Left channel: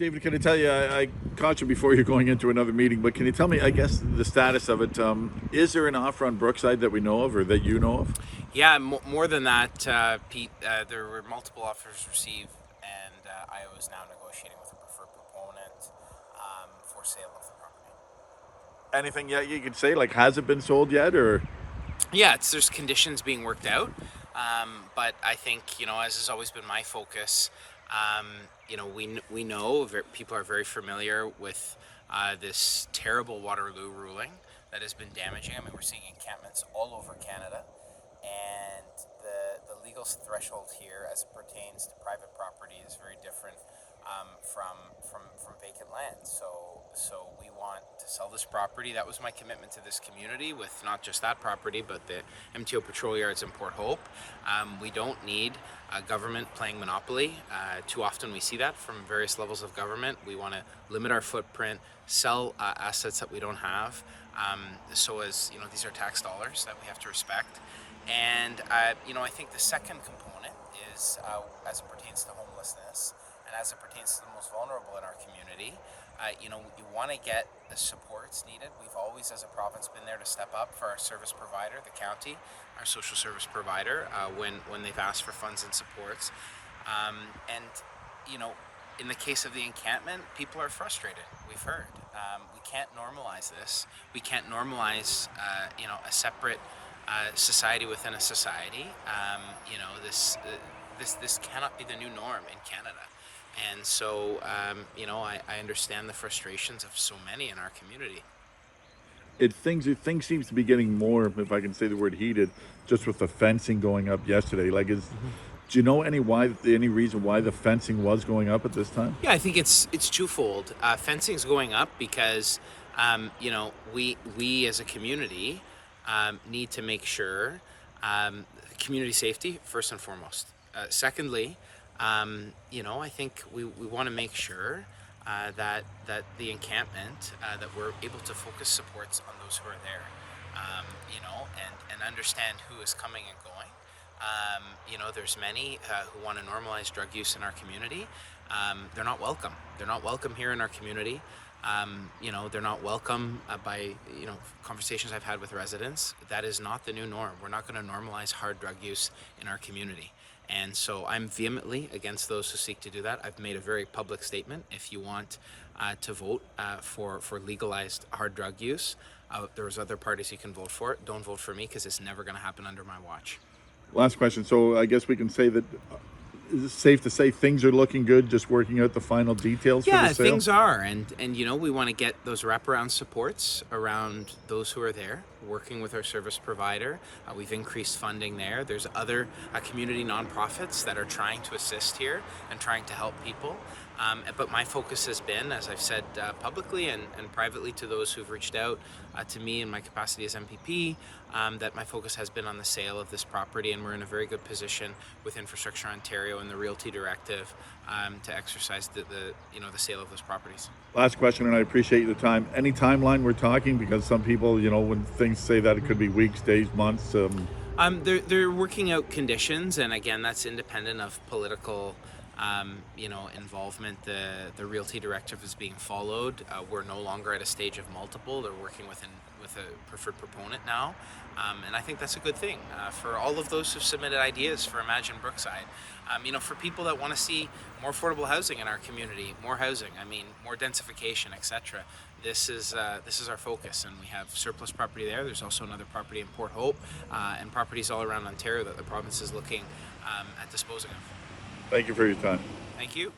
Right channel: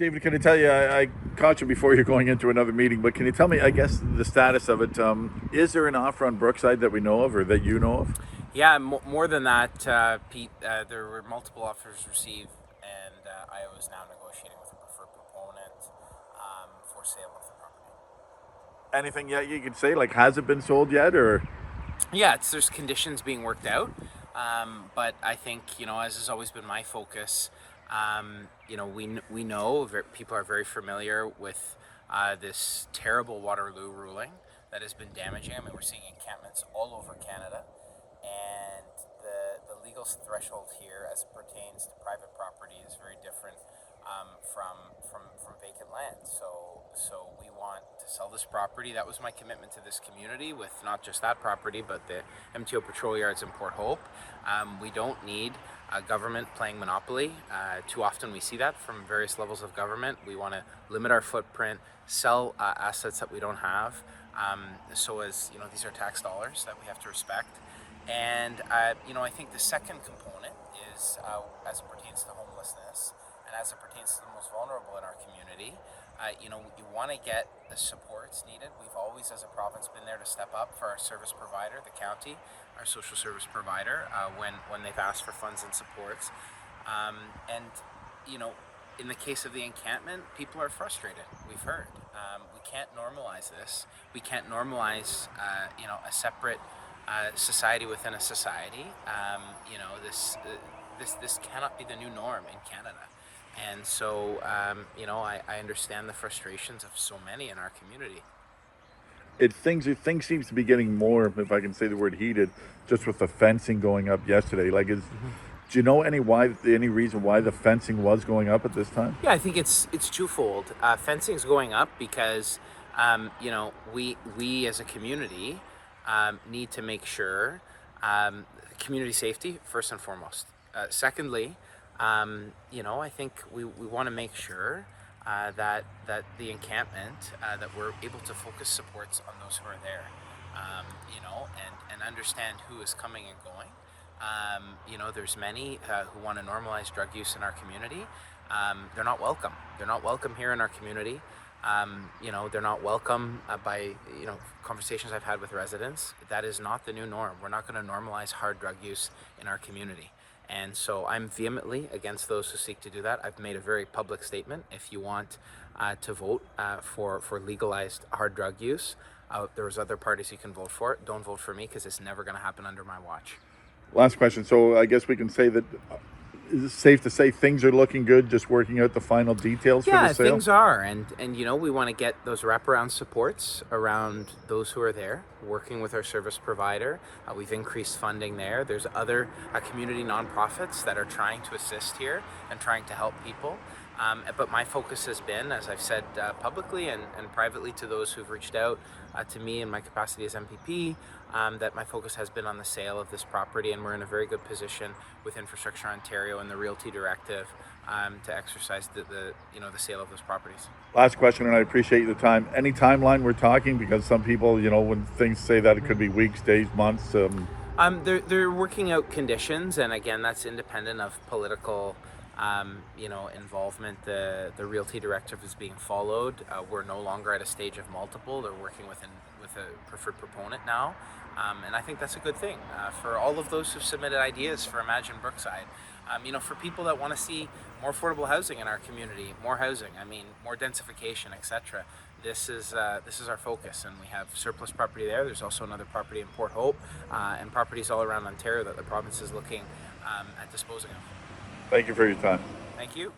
David, can I tell you, I caught you before you're going into another meeting, but can you tell me, I guess, the status of it? Is there an offer on Brookside that we know of or that you know of? Yeah, more than that, Pete. There were multiple offers received, and I was now negotiating with a preferred proponent for sale of the property. Anything yet you can say? Like, has it been sold yet or? Yeah, there's conditions being worked out, but I think as has always been my focus. We know people are very familiar with this terrible Waterloo ruling that has been damaging. I mean, we're seeing encampments all over Canada, and the legal threshold here, as it pertains to private property, is very different from vacant land. So we want to sell this property. That was my commitment to this community, with not just that property, but the MTO Patrol Yards in Port Hope. We don't need government playing monopoly. Too often we see that from various levels of government. We want to limit our footprint, sell assets that we don't have. So as these are tax dollars that we have to respect. And I think the second component is as it pertains to homelessness and as it pertains to the most vulnerable in our community. You want to get the supports needed. We've always, as a province, been there to step up for our service provider, the county, our social service provider, when they've asked for funds and supports. And in the case of the encampment, people are frustrated. We've heard. We can't normalize this. We can't normalize, a separate society within a society. This cannot be the new norm in Canada. And so, I understand the frustrations of so many in our community. Things seems to be getting more, if I can say the word, heated, just with the fencing going up yesterday. Do you know any reason why the fencing was going up at this time? Yeah, I think it's twofold. Fencing's going up because, we as a community need to make sure community safety first and foremost. Secondly, I think we want to make sure that the encampment, that we're able to focus supports on those who are there, and understand who is coming and going. There's many who want to normalize drug use in our community. They're not welcome. They're not welcome here in our community. They're not welcome by conversations I've had with residents. That is not the new norm. We're not going to normalize hard drug use in our community. And so I'm vehemently against those who seek to do that. I've made a very public statement. If you want to vote for legalized hard drug use, there's other parties you can vote for. Don't vote for me, because it's never going to happen under my watch. Last question. So I guess we can say that, is it safe to say things are looking good, just working out the final details for the sale? Yeah, things are. And we want to get those wraparound supports around those who are there, working with our service provider. We've increased funding there. There's other community nonprofits that are trying to assist here and trying to help people. But my focus has been, as I've said publicly and privately to those who've reached out to me in my capacity as MPP, that my focus has been on the sale of this property, and we're in a very good position with Infrastructure Ontario and the Realty Directive to exercise the sale of those properties. Last question, and I appreciate the time. Any timeline we're talking? Because some people, when things say that, it could be weeks, days, months. They're working out conditions, and again, that's independent of political involvement. The Realty Directive is being followed. We're no longer at a stage of multiple. They're working with a preferred proponent now. And I think that's a good thing for all of those who've submitted ideas for Imagine Brookside. For people that want to see more affordable housing in our community, more housing, more densification, etc. This is our focus, and we have surplus property there. There's also another property in Port Hope, and properties all around Ontario that the province is looking at disposing of. Thank you for your time. Thank you.